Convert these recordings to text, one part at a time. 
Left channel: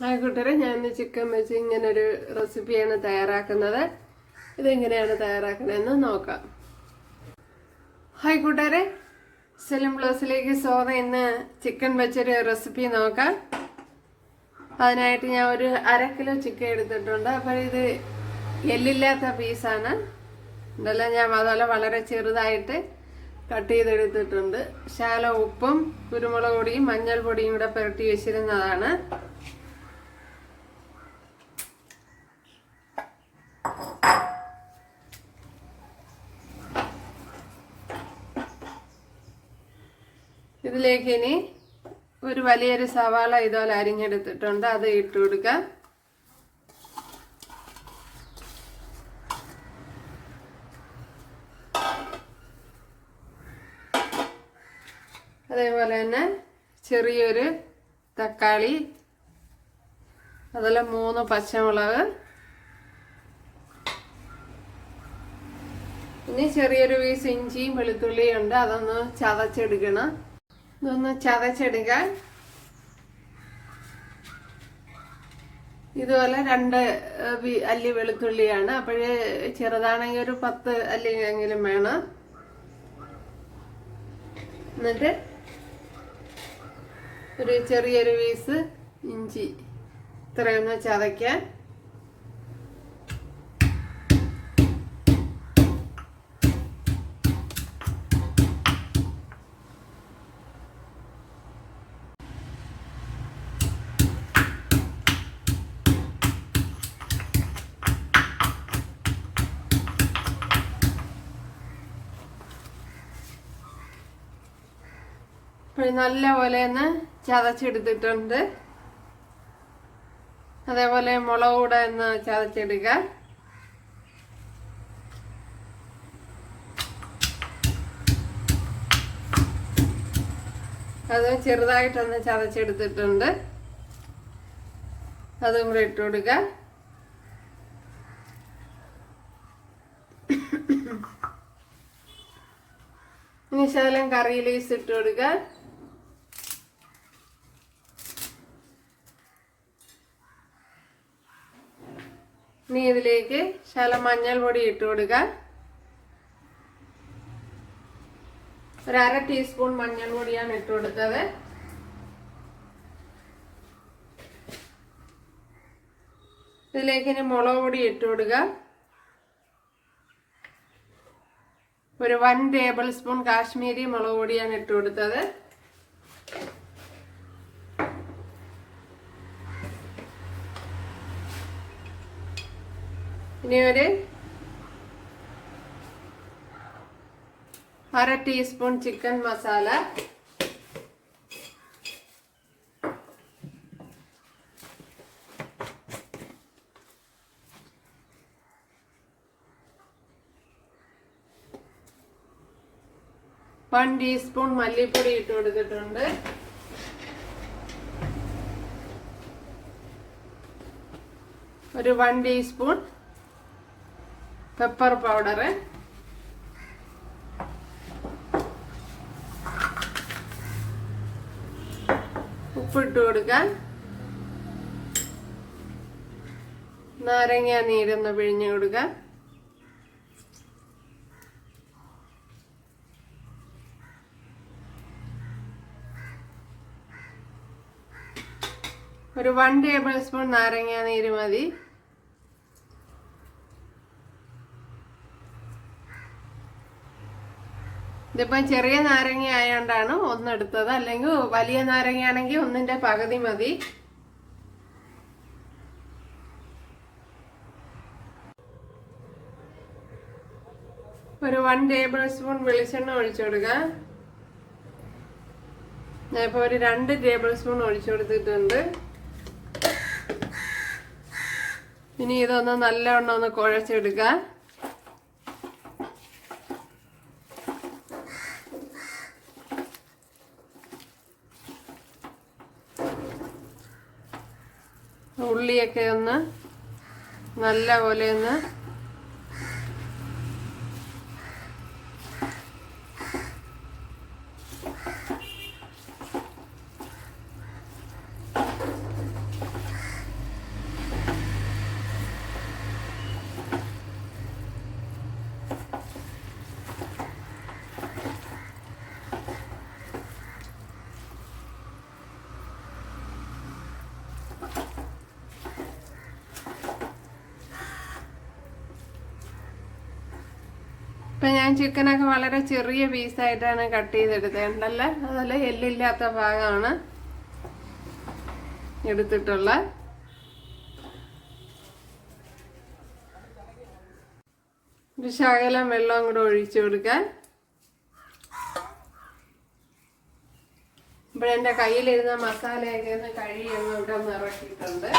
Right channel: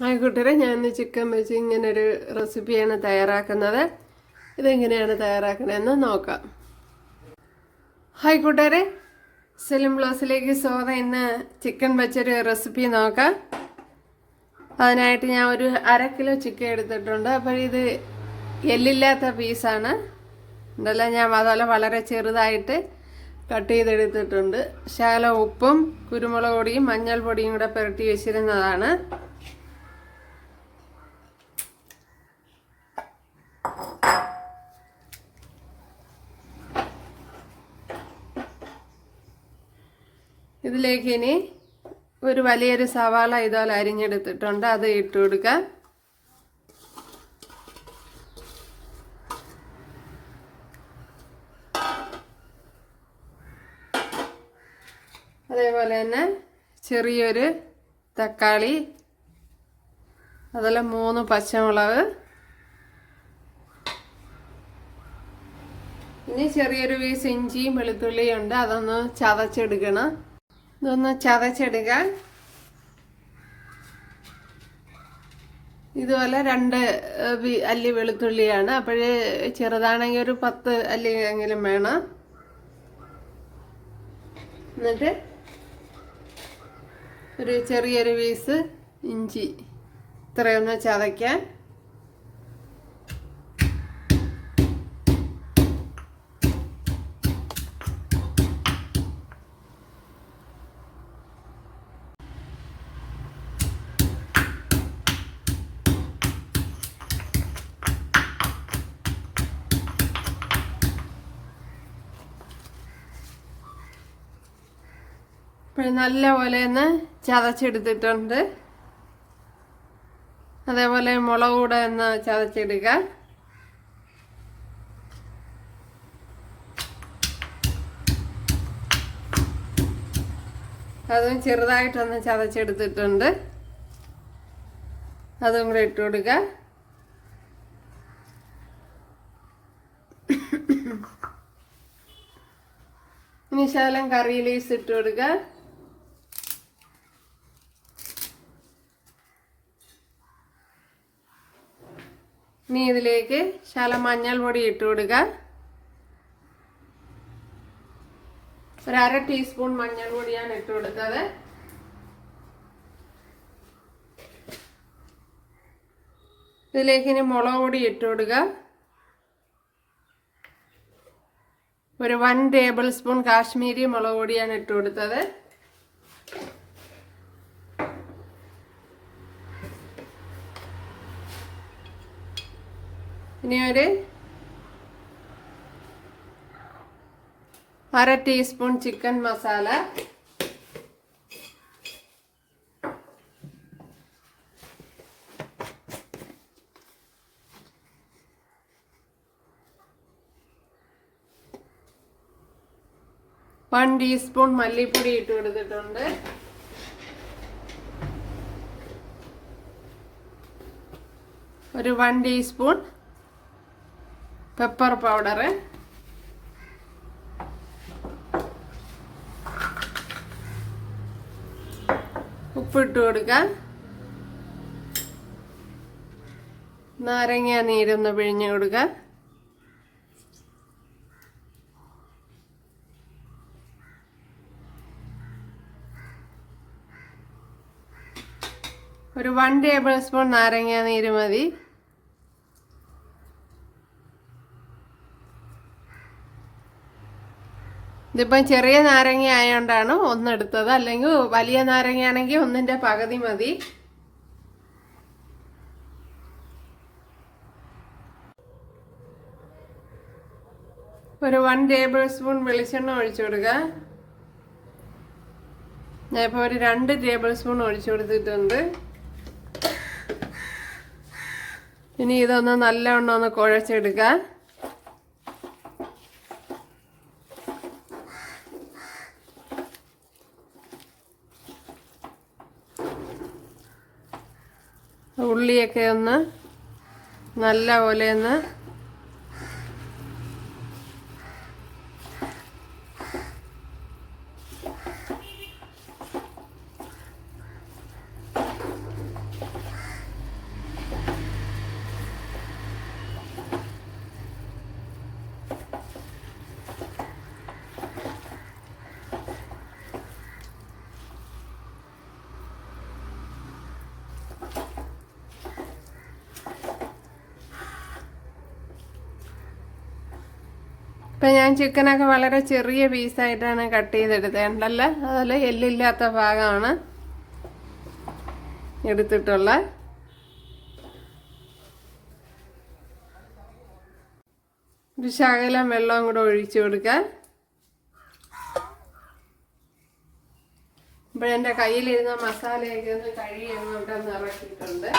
Hi കൂട്ടരെ, ഞാൻ chicken വെച്ച് ഇങ്ങനൊരു റെസിപ്പിയാണ് തയ്യാറാക്കുന്നത്. ഇതെങ്ങനെയാണ് തയ്യാറാക്കുന്നതെന്ന് നോക്കാം. ഹായ് കൂട്ടരെ, സെലിം ബ്ലോസിലേക്ക് സ്വാഗതം. ഇന്ന് ചിക്കൻ വെച്ചൊരു റെസിപ്പി നോക്കാം. അതിനായിട്ട് ഞാൻ ഒരു 1/2 കിലോ ചിക്കൻ എടുത്തിട്ടുണ്ട്. അപ്പോൾ ഇത് എല്ലില്ലാത്ത പീസാണ്. ഇതെല്ലാം ഞാൻ അതുപോലെ വളരെ ചെറുതായിട്ട് കട്ട് ചെയ്തെടുത്തിട്ടുണ്ട്. ശകലം ഉപ്പും കുരുമുളക് പൊടിയും മഞ്ഞൾപ്പൊടിയും കൂടെ പുരട്ടി വെച്ചിരുന്നതാണ്. ഇതിലേക്ക് ഇനി ഒരു വലിയൊരു സവാള ഇതുപോലെ അരിഞ്ഞെടുത്തിട്ടുണ്ട്, അത് ഇട്ട് കൊടുക്കാം. അതേപോലെ തന്നെ ചെറിയൊരു തക്കാളി, അതുപോലെ 3 പച്ചമുളക്, ഇനി ചെറിയൊരു പീസ് ഇഞ്ചിയും വെളുത്തുള്ളിയും ഉണ്ട്, അതൊന്ന് ചതച്ചെടുക്കണം. ഇതൊന്ന് ചതച്ചെടുക്കാൻ ഇതുപോലെ 2 അല്ലി വെളുത്തുള്ളിയാണ്. അപ്പോഴേ ചെറുതാണെങ്കിൽ ഒരു 10 അല്ലി എങ്കിലും വേണം. എന്നിട്ട് ഒരു ചെറിയൊരു പീസ് ഇഞ്ചി ഇത്രയൊന്ന് ചതയ്ക്കാൻ. നല്ലപോലെ ഒന്ന് ചതച്ചെടുത്തിട്ടുണ്ട്. അതേപോലെ മുളക് കൂടെ ഒന്ന് ചതച്ചെടുക്കാം. അതും ചെറുതായിട്ടൊന്ന് ചതച്ചെടുത്തിട്ടുണ്ട്, അതും കൂടെ ഇട്ട് കൊടുക്കാം. ഇനി ശകലം കറി ലീവ്സ് ഇട്ട് കൊടുക്കാം. ഇനി ഇതിലേക്ക് ശകലം മഞ്ഞൾപ്പൊടി ഇട്ട് കൊടുക്കാം. ഒരു 1/2 ടീസ്പൂൺ മഞ്ഞൾപ്പൊടിയാണ് ഇട്ട് കൊടുത്തത്. ഇതിലേക്ക് ഇനി മുളക് പൊടി ഇട്ട് കൊടുക്കുക. ഒരു 1 ടേബിൾ സ്പൂൺ കാശ്മീരി മുളക് പൊടിയാണ് ഇട്ട് കൊടുത്തത്. ഇനി ഒരു 1/2 teaspoon chicken masala, one teaspoon മല്ലിപ്പൊടി ഇട്ട് കൊടുത്തിട്ടുണ്ട്. ഒരു 1 ടീസ്പൂൺ പെപ്പർ പൗഡർ, ഉപ്പിട്ട് കൊടുക്കാം. നാരങ്ങ നീരൊന്ന് പിഴിഞ്ഞ് കൊടുക്കാം. ഒരു 1 ടേബിൾ സ്പൂൺ നാരങ്ങ നീര് മതി. ഇതിപ്പം ചെറിയ നാരങ്ങ ആയതുകൊണ്ടാണ് ഒന്നെടുത്തത്, അല്ലെങ്കിൽ വലിയ നാരങ്ങ ആണെങ്കിൽ 1ന്റെ പകുതി മതി. ഒരു 1 ടേബിൾ സ്പൂൺ വെളിച്ചെണ്ണ ഒഴിച്ചു കൊടുക്കുക. ഞാനിപ്പോൾ ഒരു 2 ടേബിൾ സ്പൂൺ ഒഴിച്ചു കൊടുത്തിട്ടുണ്ട്. ഇനി ഇതൊന്ന് നല്ലവണ്ണം ഒന്ന് കുഴച്ചെടുക്കാം. ഉള്ളിയൊക്കെ ഒന്ന് നല്ലപോലെ ഒന്ന് ഇപ്പം ഞാൻ ചിക്കനൊക്കെ വളരെ ചെറിയ പീസായിട്ടാണ് കട്ട് ചെയ്തെടുത്തേണ്ടല്ലേ. അതിൽ എല്ലില്ലാത്ത ഭാഗമാണ് എടുത്തിട്ടുള്ള. ഒരു ശകലം വെള്ളം കൂടെ ഒഴിച്ചു കൊടുക്കാൻ. ഇപ്പോഴെൻ്റെ കയ്യിലിരുന്ന മസാലയൊക്കെ ഒന്ന് കഴുകി അങ്ങോട്ടൊന്ന് ഇറക്കിയിട്ടുണ്ട്.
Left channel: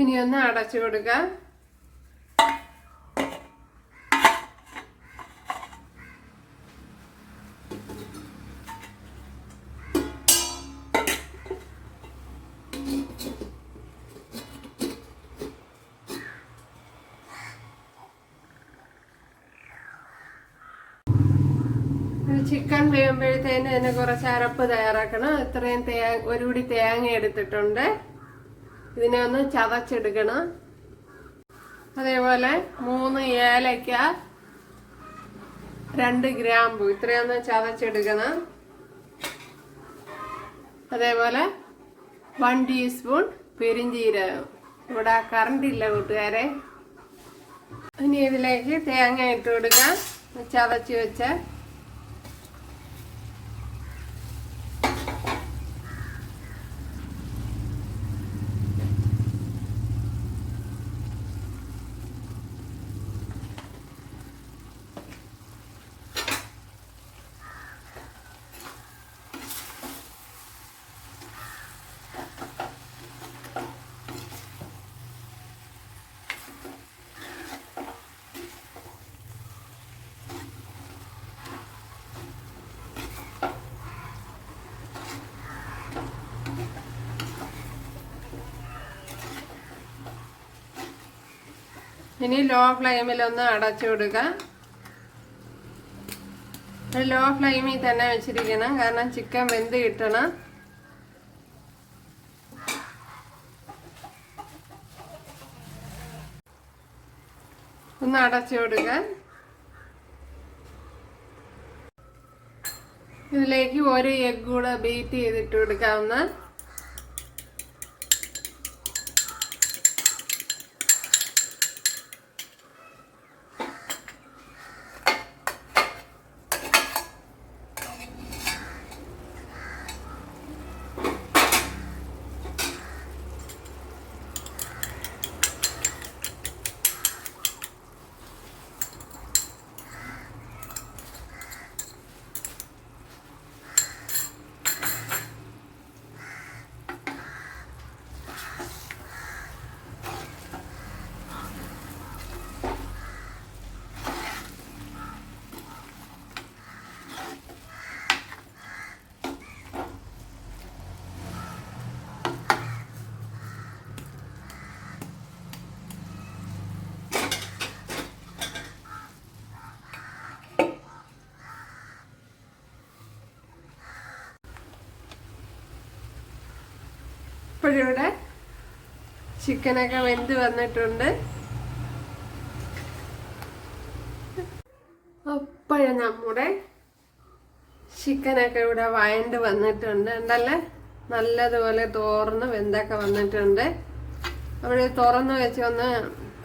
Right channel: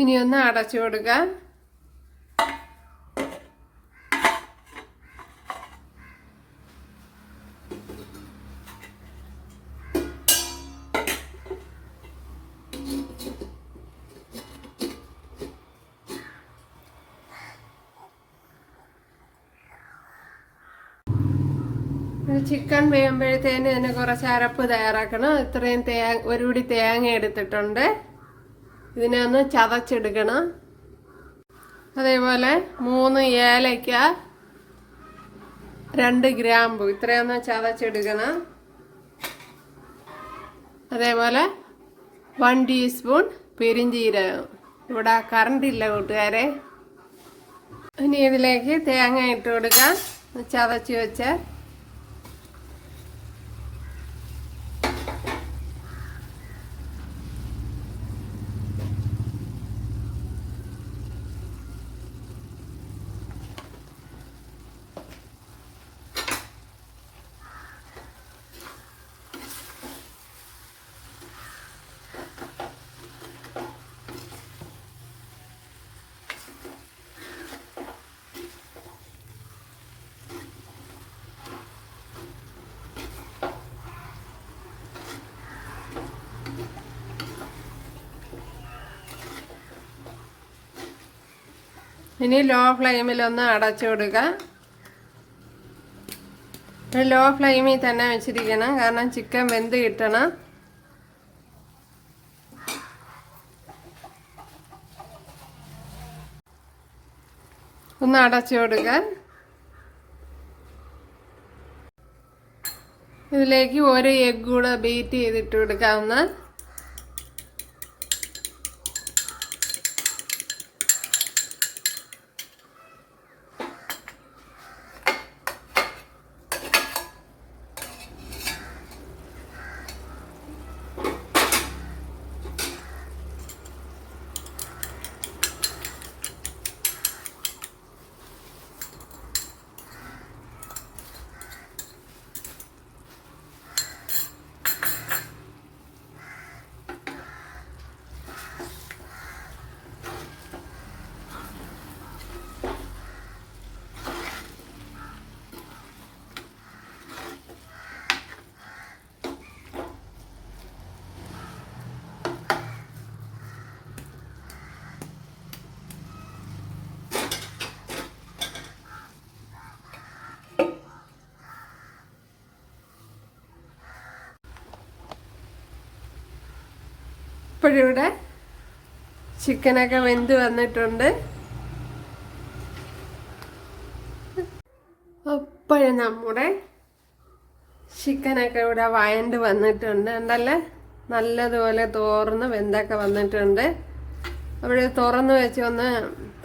ഇനി ഒന്ന് അടച്ചു കൊടുക്കാം. ചിക്കൻ വേകുമ്പോഴത്തേന് തന്നെ കുറച്ച് അരപ്പ് തയ്യാറാക്കണം. ഇത്രയും ഒരു പിടി തേങ്ങ എടുത്തിട്ടുണ്ട്. ഇതിനെ ഒന്ന് ചതച്ചെടുക്കണം. അതേപോലെ 3 ഏലക്ക, 2 ഗ്രാമ്പു ഇത്രയൊന്ന് ചതച്ചെടുക്കണം. അതേപോലെ 1 ടീസ്പൂൺ പെരിഞ്ജീരകം. ഇവിടെ കറണ്ട് ഇല്ല കൂട്ടുകാരെ. ഇനി ഇതിലേക്ക് തേങ്ങ ഇട്ട് കൊടുക്കാം. ചതച്ച് വെച്ച ഇനി ലോ ഫ്ലെയിമിൽ ഒന്ന് അടച്ചു കൊടുക്കാം. ലോ ഫ്ലെയിമിൽ തന്നെ വെച്ചിരിക്കണം, കാരണം ചിക്കൻ വെന്ത് കിട്ടണം. ഒന്ന് അടച്ചു കൊടുക്കാൻ. ഇതിലേക്ക് 1 എഗ് കൂടെ ബീറ്റ് ചെയ്തിട്ട് കൊടുക്കാവുന്ന. ഇപ്പോഴിവിടെ ചിക്കനൊക്കെ വെന്ത് വന്നിട്ടുണ്ട്. അപ്പോഴും നമ്മുടെ ചിക്കനൊക്കെ ഇവിടെ വഴണ്ട് വന്നിട്ടുണ്ട്. ഉണ്ടല്ലേ, നല്ലതുപോലെ തോർന്ന് വെന്തൊക്കെ വന്നിട്ടുണ്ട്. അവിടെ തുറന്ന് വെച്ച് ഒന്ന്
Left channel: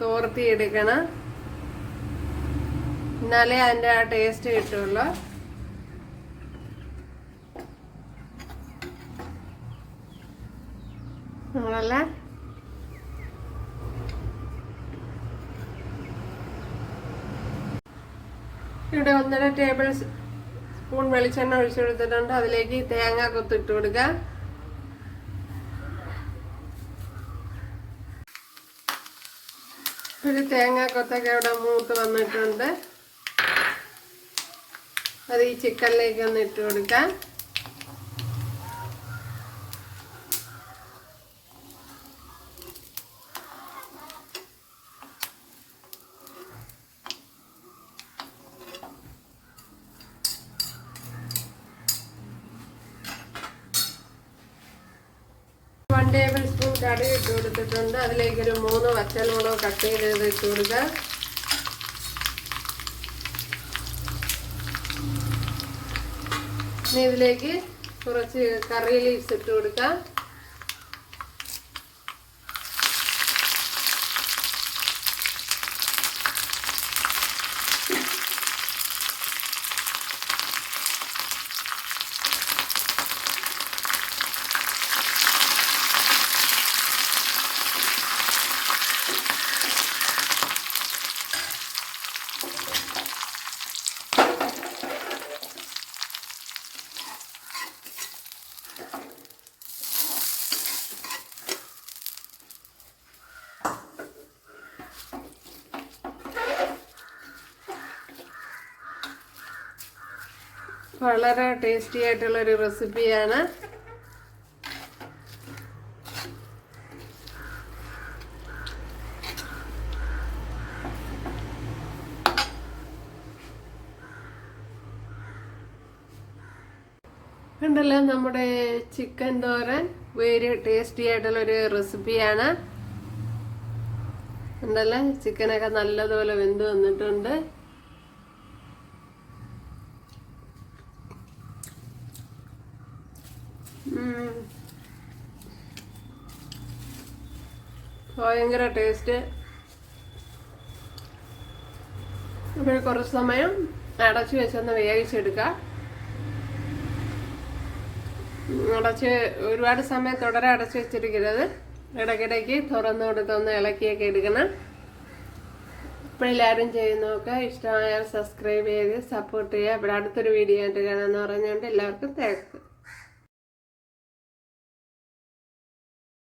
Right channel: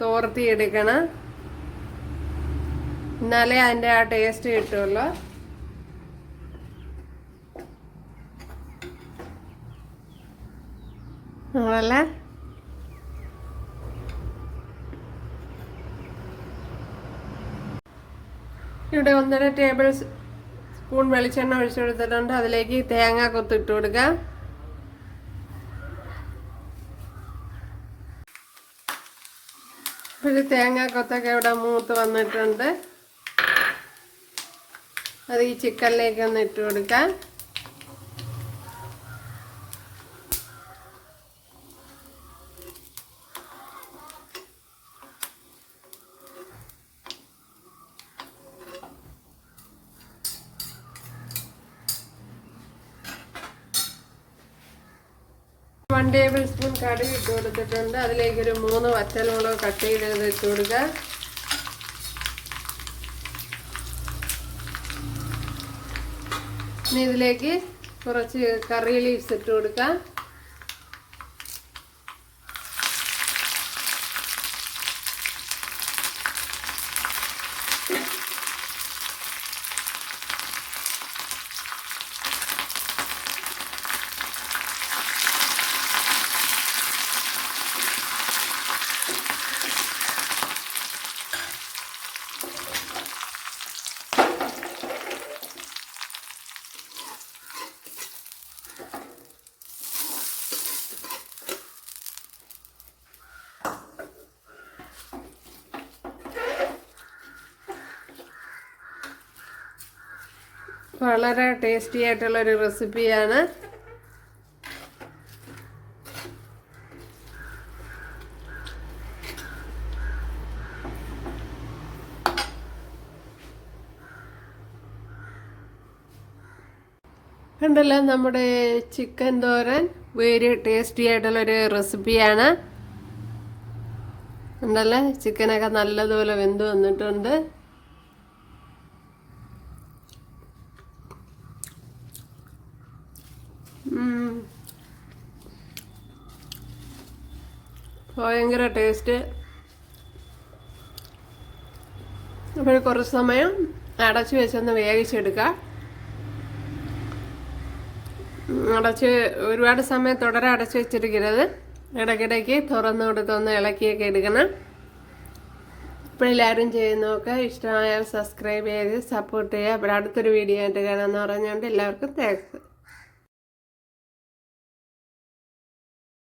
തോർത്തി എടുക്കണം, എന്നാലേ അതിൻ്റെ ആ ടേസ്റ്റ് കിട്ടുള്ളൂ. നമ്മളല്ല ഇവിടെ 1.5 ടേബിൾ സ്പൂൺ വെളിച്ചെണ്ണ ഒഴിച്ചു കൊടുത്തിട്ടുണ്ട്. അതിലേക്ക് തേങ്ങ കൊത്തിട്ട് കൊടുക്കാം. ഒരു തേങ്ങ കൊത്തൊക്കെ ഇവിടെ മൂത്ത് വന്നിട്ടുണ്ട്. അത് ഈ ചിക്കനിലേക്ക് ഒന്ന് ഇട്ട് കൊടുക്കാം. ടേബിൾ സ്പൂൺ കടുക് ഇട്ട് കൊടുത്തിട്ടുണ്ട്. അതിലേക്കൊരു 3 പച്ചമുളക് കട്ട് ചെയ്ത് വെച്ച് കൊടുക്കുക. ഇനി ഇതിലേക്ക് കുറച്ച് കറി ലീവ്സ് ഇട്ട് കൊടുക്കാം. വളരെ ടേസ്റ്റി ആയിട്ടുള്ളൊരു റെസിപ്പിയാണ്. കണ്ടല്ലോ, നമ്മുടെ ചിക്കൻ തോരൻ വെരി ടേസ്റ്റി ആയിട്ടുള്ളൊരു റെസിപ്പിയാണ്. കണ്ടല്ലോ, ചിക്കനൊക്കെ നല്ലതുപോലെ വെന്ത് വന്നിട്ടുണ്ട്. ഭയങ്കര ടേസ്റ്റ്. അപ്പോൾ കുറച്ച് സമയം അടച്ച് വെച്ചൊന്ന് വേവിച്ചെടുക്കാം. ഒരുപാട് സമയം തുടരെ അടച്ച് വെച്ചിരിക്കരുത്. ഇടയ്ക്കിടയ്ക്ക് തുറന്നു കൊടുത്തൊന്ന് ഇളക്കിയൊക്കെ എടുക്കണം. ഇപ്പോൾ എല്ലാവരും ചെയ്ത് നോക്കുക. ഇഷ്ടമായ സബ്സ്ക്രൈബ് ചെയ്ത് സപ്പോർട്ട് ചെയ്യുക. അപ്പോൾ അടുത്തൊരു വീഡിയോ ആയിട്ട് കാണാമെന്ന് പറഞ്ഞുകൊണ്ട് എല്ലാവർക്കും താങ്ക്സ്.